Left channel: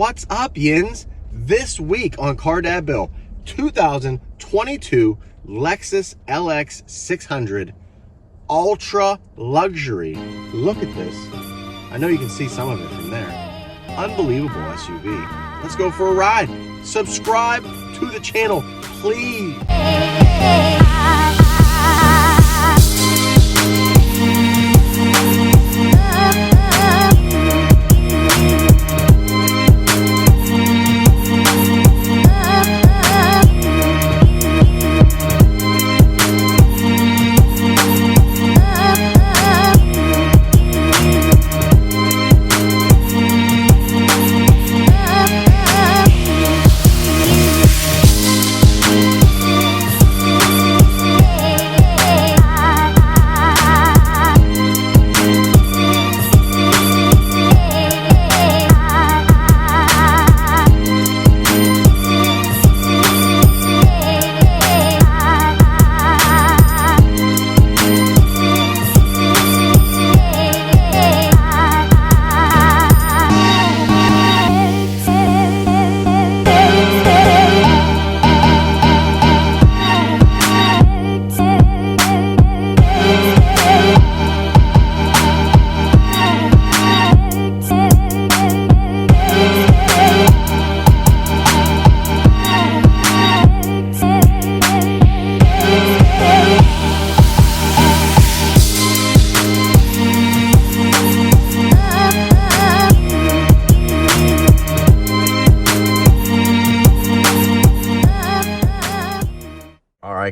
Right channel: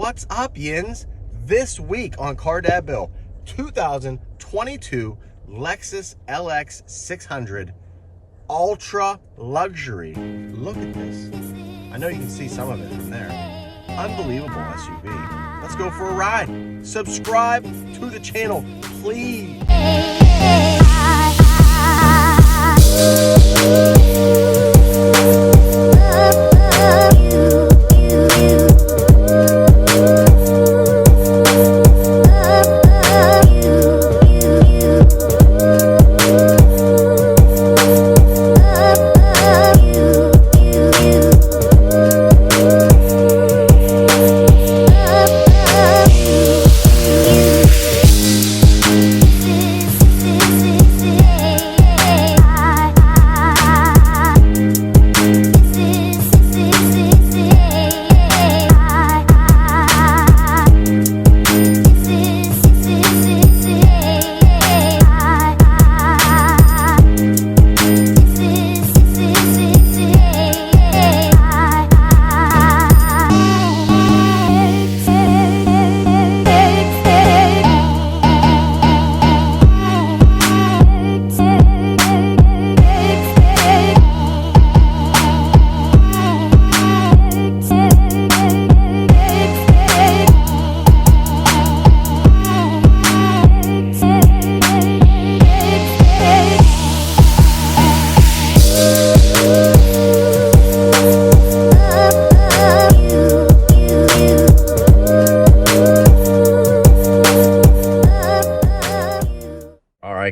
What's up, Yins? This week on Car Dad Bill, 2022 Lexus LX600 Ultra Luxury. Look at this. I know you can see some of it from there. Unbelievable SUV. Let's go for a ride. Subscribe to the channel, please.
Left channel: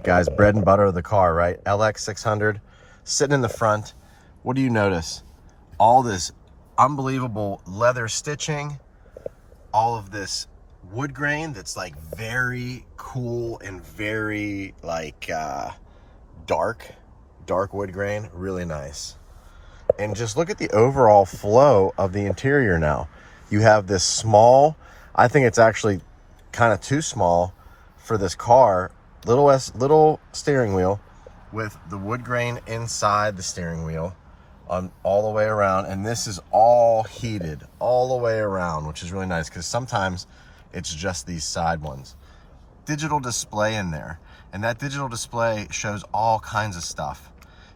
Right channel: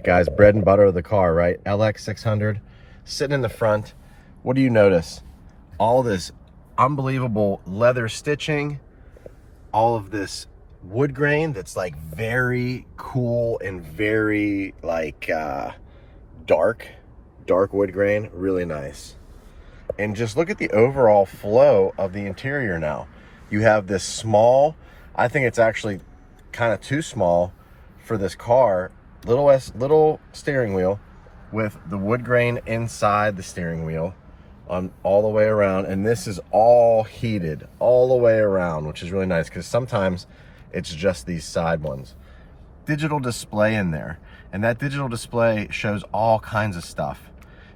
Guys, bread and butter of the car, right? LX600 sitting in the front. What do you notice? All this unbelievable leather stitching, all of this wood grain that's like very cool and very like dark wood grain, really nice. And just look at the overall flow of the interior now. You have this small, I think it's actually kind of too small for this car, little steering wheel with the wood grain inside the steering wheel on all the way around, and this is all heated all the way around, which is really nice because sometimes it's just these side ones. Digital display in there, and that digital display shows all kinds of stuff.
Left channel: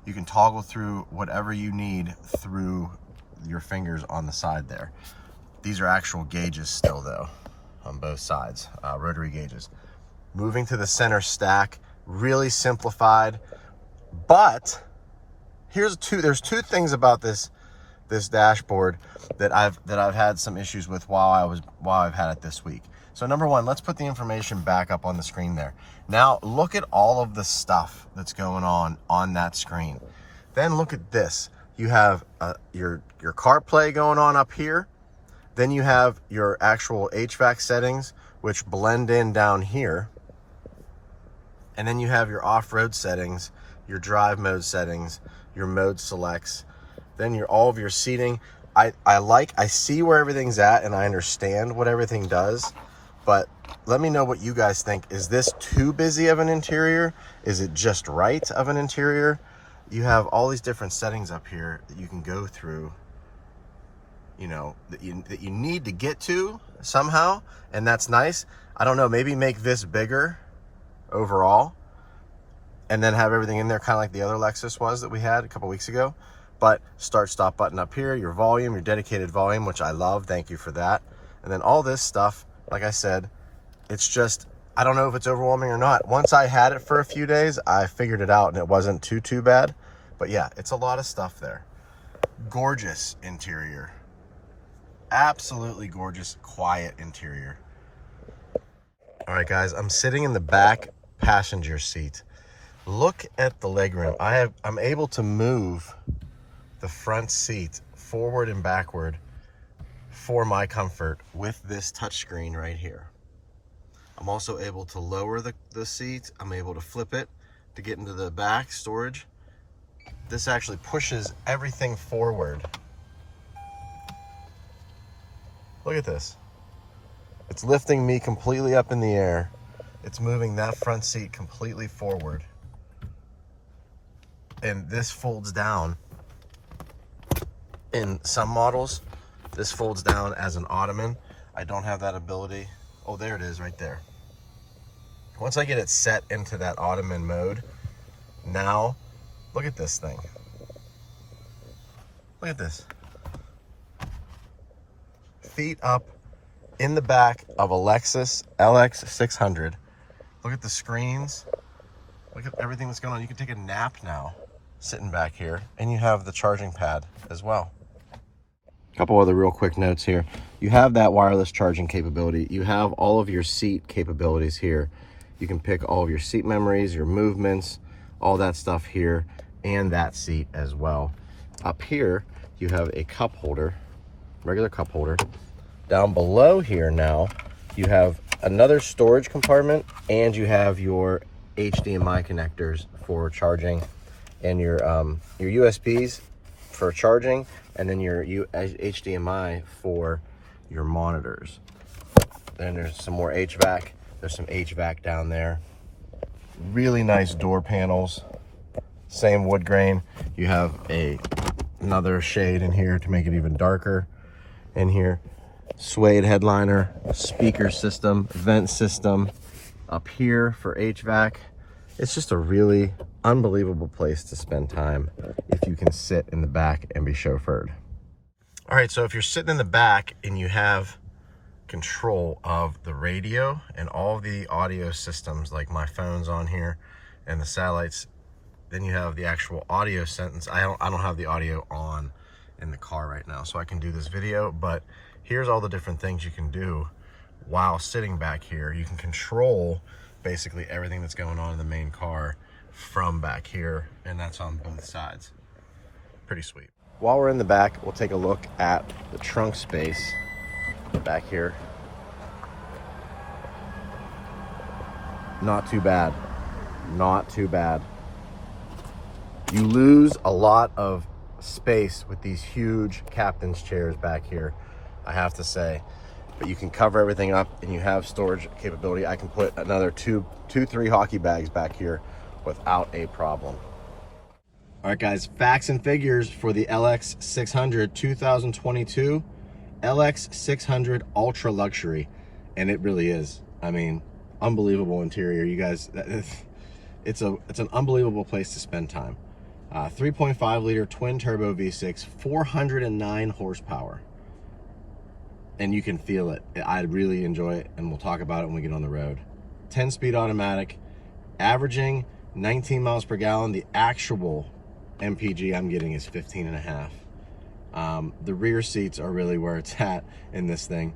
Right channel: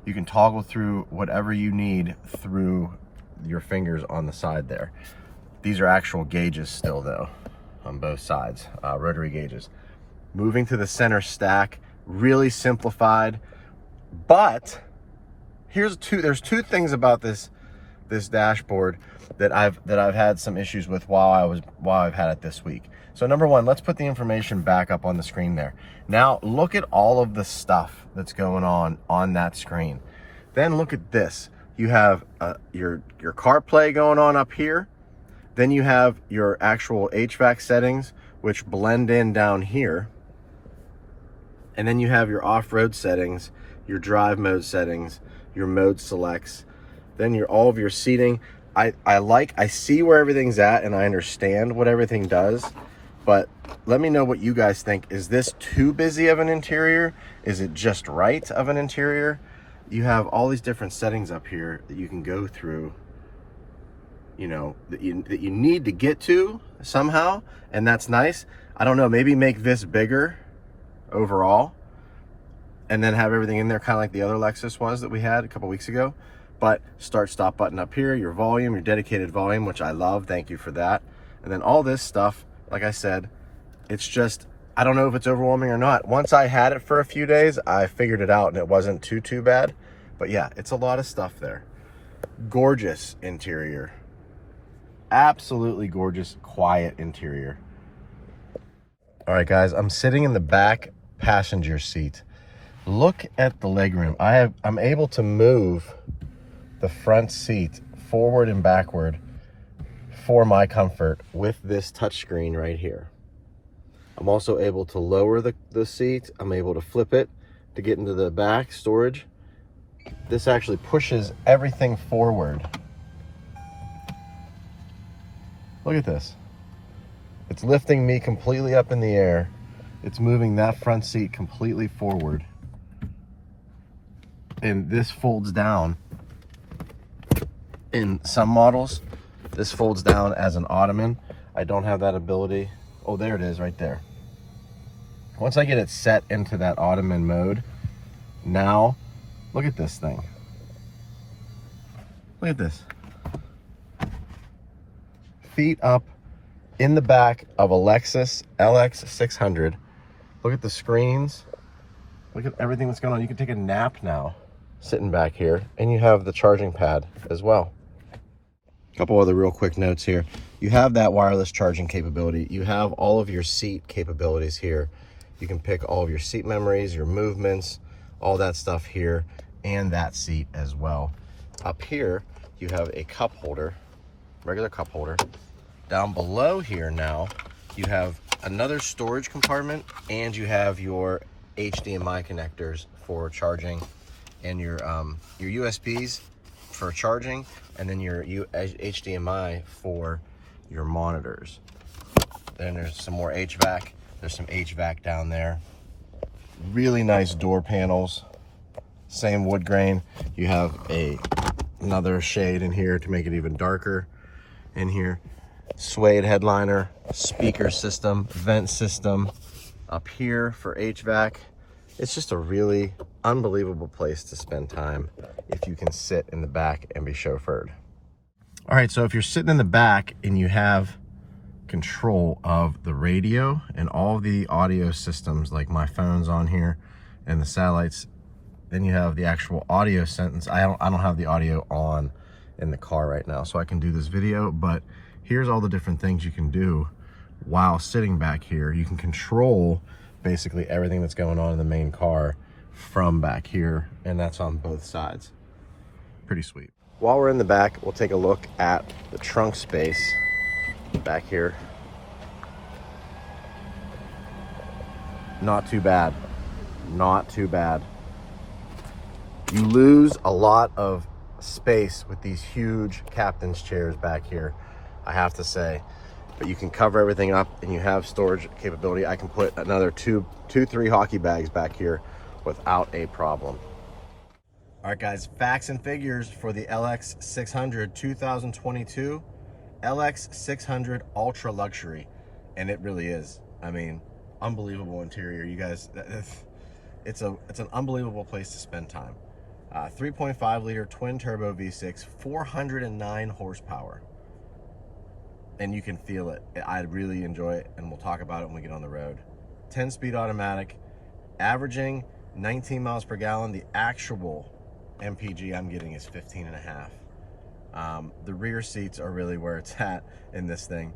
You can toggle through whatever you need through your fingers on the side there. These are actual gauges still though on both sides, rotary gauges. Moving to the center stack, really simplified. But there's two things about this dashboard that I've had some issues with while I've had it this week. So number one, let's put the information back up on the screen there. Now look at all of the stuff that's going on that screen. Then look at this. You have your CarPlay going on up here. Then you have your actual HVAC settings, which blend in down here. And then you have your off-road settings, your drive mode settings, your mode selects, then all of your seating. I see where everything's at and I understand what everything does, but let me know what you guys think. Is this too busy of an interior? Is it just right of an interior? You have all these different settings up here that you can go through, you know, that you need to get to somehow, and that's nice. I don't know, maybe make this bigger overall and then have everything in there kind of like the other Lexus was that we had a couple weeks ago. But start stop button up here, your volume, your dedicated volume, which I love, thank you for that. And then all this stuff, like I said, it's just, I don't know if it's overwhelming or not. Once I had it for a few days, I figured it out and it wasn't too bad. But yeah, it's a lot of stuff there. Gorgeous interior, absolutely gorgeous, quiet interior. All right guys, I'm sitting in the back passenger seat. Look at the legroom. I'm able to move the front seat forward and backward for my comfort with this touchscreen right here. I'm also able to lower the seat. I'm able to flip it to get into the back storage. This actually pushes everything forward. Look at this. It's lifting me completely up in the air. It's moving that front seat completely forward. And this folds down. In some models, this folds down as an ottoman. I don't have that ability. Oh, there it is right there. Once I get it set into that Ottoman mode, now look at this thing. Look at this. Feet up in the back of a Lexus LX600. Look at the screens. Look at everything that's going on. You can take a nap now sitting back here, and you have the charging pad as well. A couple other real quick notes here. You have that wireless charging capability. You have all of your seat capabilities here. You can pick all of your seat memories, your movements, all that stuff here, and that seat as well. Up here, you have a cup holder, regular cup holder. Down below here now, you have another storage compartment, and you have your HDMI connectors for charging, and your USBs for charging, and then your HDMI for your monitors. Then there's some more HVAC. There's some HVAC down there. Really nice door panels. Same wood grain. You have another shade in here to make it even darker in here. Suede headliner, speaker system, vent system up here for HVAC. It's just a really unbelievable place to spend time if you can sit in the back and be chauffeured. All right, so if you're sitting in the back and you have control of the radio and all the audio systems, like my phone's on here and the satellites, then you have the actual audio sentence. I don't have the audio on in the car right now, so I can do this video, but here's all the different things you can do while sitting back here. You can control basically everything that's going on in the main car from back here, and that's on both sides. Pretty sweet. While we're in the back, we'll take a look at the trunk space back here. Not too bad. Not too bad. You lose a lot of space with these huge captain's chairs back here, I have to say. But you can cover everything up, and you have storage capability. I can put another two, 3 hockey bags back here without a problem. All right, guys, facts and figures for the LX600 2022 LX600 Ultra Luxury, and it really is. I mean, unbelievable interior, you guys. It's an unbelievable place to spend time. 3.5 liter twin turbo V6, 409 horsepower, and you can feel it. I really enjoy it, and we'll talk about it when we get on the road. 10-speed automatic, averaging 19 miles per gallon. The actual MPG I'm getting is 15.5. The rear seats are really where it's at in this thing,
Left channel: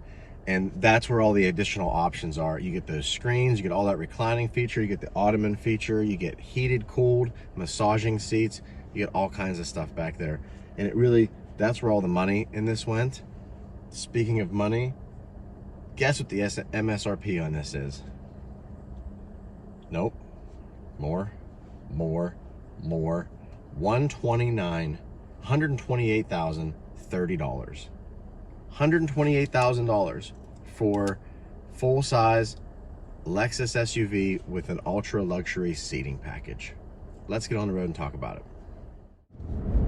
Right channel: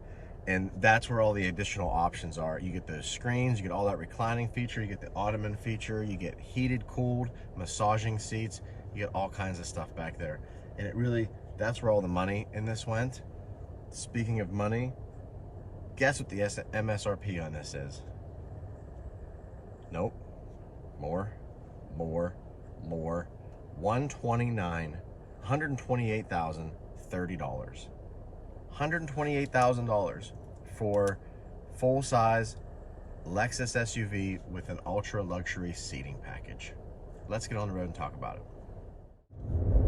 and that's where all the additional options are. You get those screens, you get all that reclining feature, you get the Ottoman feature, you get heated, cooled, massaging seats, you get all kinds of stuff back there. And it really, that's where all the money in this went. Speaking of money, guess what the MSRP on this is? Nope. More. 128,030. $128,000 for full-size Lexus SUV with an ultra luxury seating package. Let's get on the road and talk about it.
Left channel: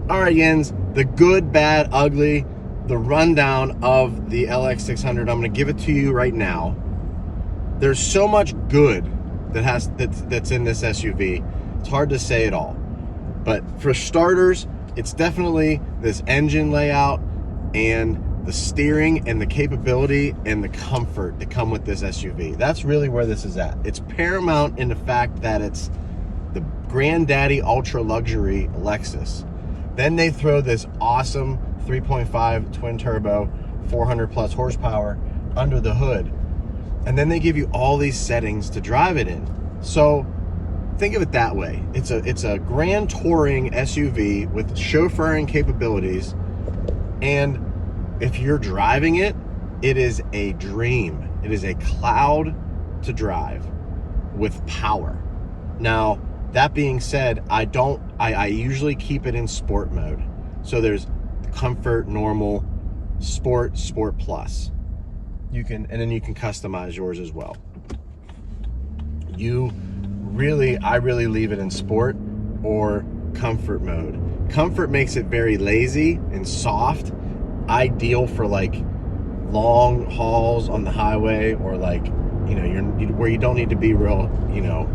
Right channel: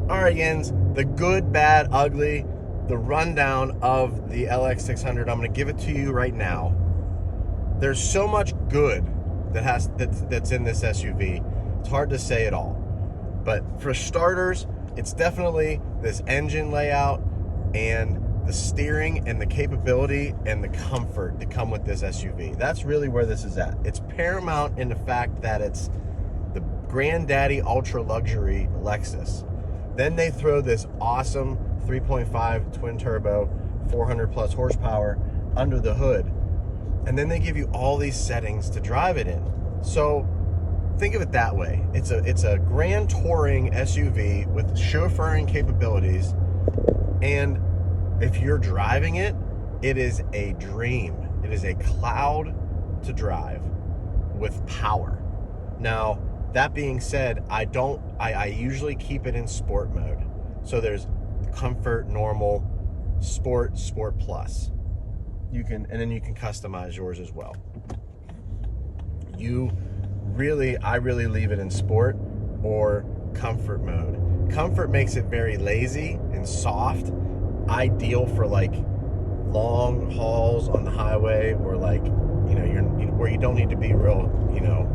All right, Yins, the good, bad, ugly, the rundown of the LX600. I'm going to give it to you right now. There's so much good that's in this SUV. It's hard to say it all. But for starters, it's definitely this engine layout and the steering and the capability and the comfort that come with this SUV. That's really where this is at. It's paramount in the fact that it's the granddaddy ultra luxury Lexus. Then they throw this awesome 3.5 twin turbo, 400 plus horsepower under the hood. And then they give you all these settings to drive it in. So think of it that way. It's a grand touring SUV with chauffeuring capabilities, and if you're driving it, it is a dream. It is a cloud to drive with power. Now, that being said, I usually keep it in sport mode. So there's comfort, normal, sport plus. And then you can customize yours as well. I really leave it in sport or comfort mode. Comfort makes it very lazy and soft, ideal for like long hauls on the highway, or like, you know, where you don't need to be real, you know,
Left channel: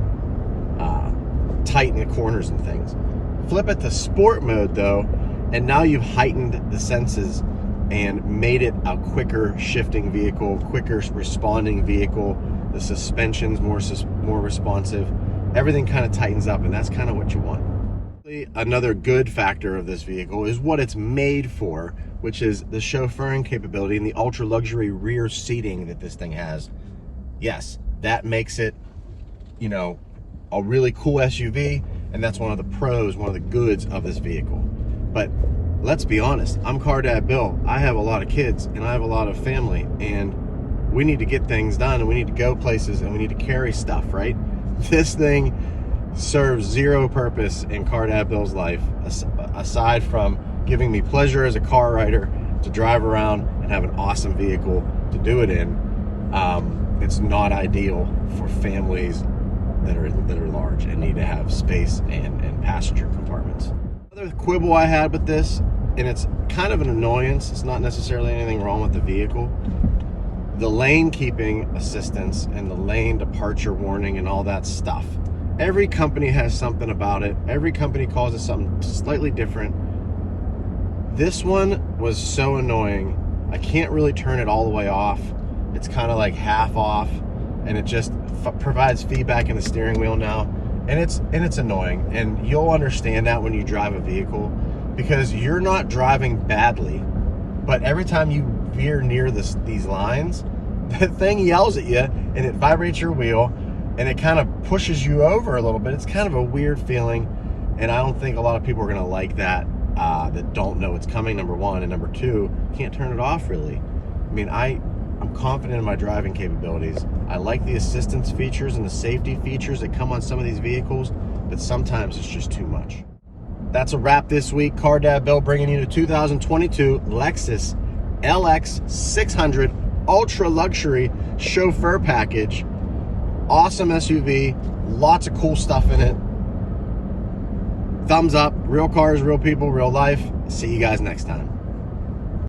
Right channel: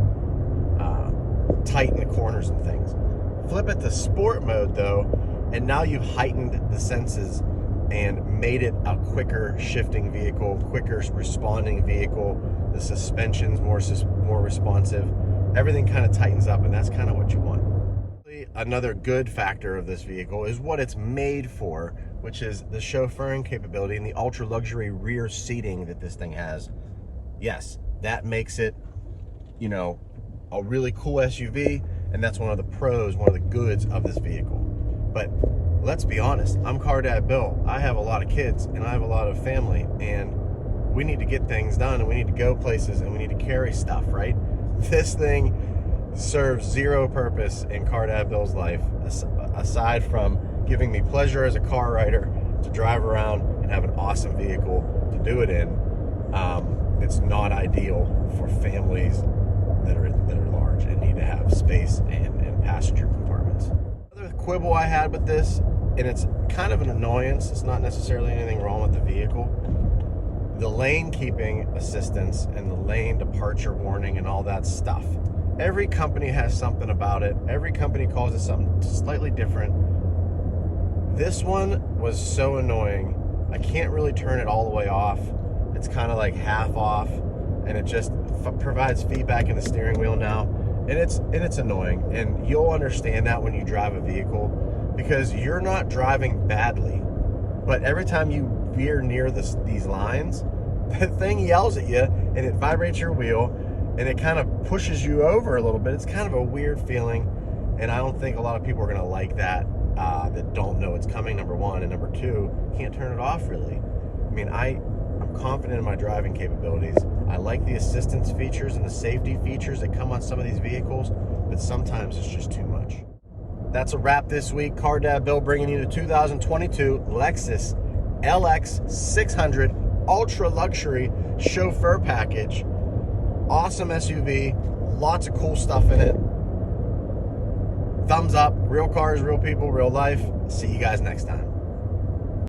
tight in the corners and things. Flip it to sport mode though, and now you've heightened the senses and made it a quicker shifting vehicle, quicker responding vehicle. The suspension's more responsive. Everything kind of tightens up, and that's kind of what you want. Another good factor of this vehicle is what it's made for, which is the chauffeuring capability and the ultra luxury rear seating that this thing has. Yes, that makes it, you know, a really cool SUV, and that's one of the pros, one of the goods of this vehicle. But let's be honest, I'm Car Dad Bill. I have a lot of kids and I have a lot of family, and we need to get things done, and we need to go places, and we need to carry stuff, right? This thing serves zero purpose in Car Dad Bill's life, aside from giving me pleasure as a car rider to drive around and have an awesome vehicle to do it in. It's not ideal for families that are large and need to have space and passenger compartments. Another quibble I had with this, and it's kind of an annoyance, it's not necessarily anything wrong with the vehicle, the lane keeping assistance and the lane departure warning and all that stuff. Every company has something about it. Every company calls it something slightly different. This one was so annoying. I can't really turn it all the way off. It's kind of like half off, and it just provides feedback in the steering wheel now. And it's annoying, and you'll understand that when you drive a vehicle, because you're not driving badly, but every time you veer near these lines, the thing yells at you and it vibrates your wheel, and it kind of pushes you over a little bit. It's kind of a weird feeling, and I don't think a lot of people are gonna like that, that don't know it's coming, number one, and number two, can't turn it off really. I mean, I'm confident in my driving capabilities. I like the assistance features and the safety features that come on some of these vehicles, but sometimes it's just too much. That's a wrap this week. Car Dad Bill bringing you the 2022 Lexus LX600 Ultra Luxury Chauffeur Package. Awesome SUV, lots of cool stuff in it. Thumbs up. Real cars, real people, real life. See you guys next time.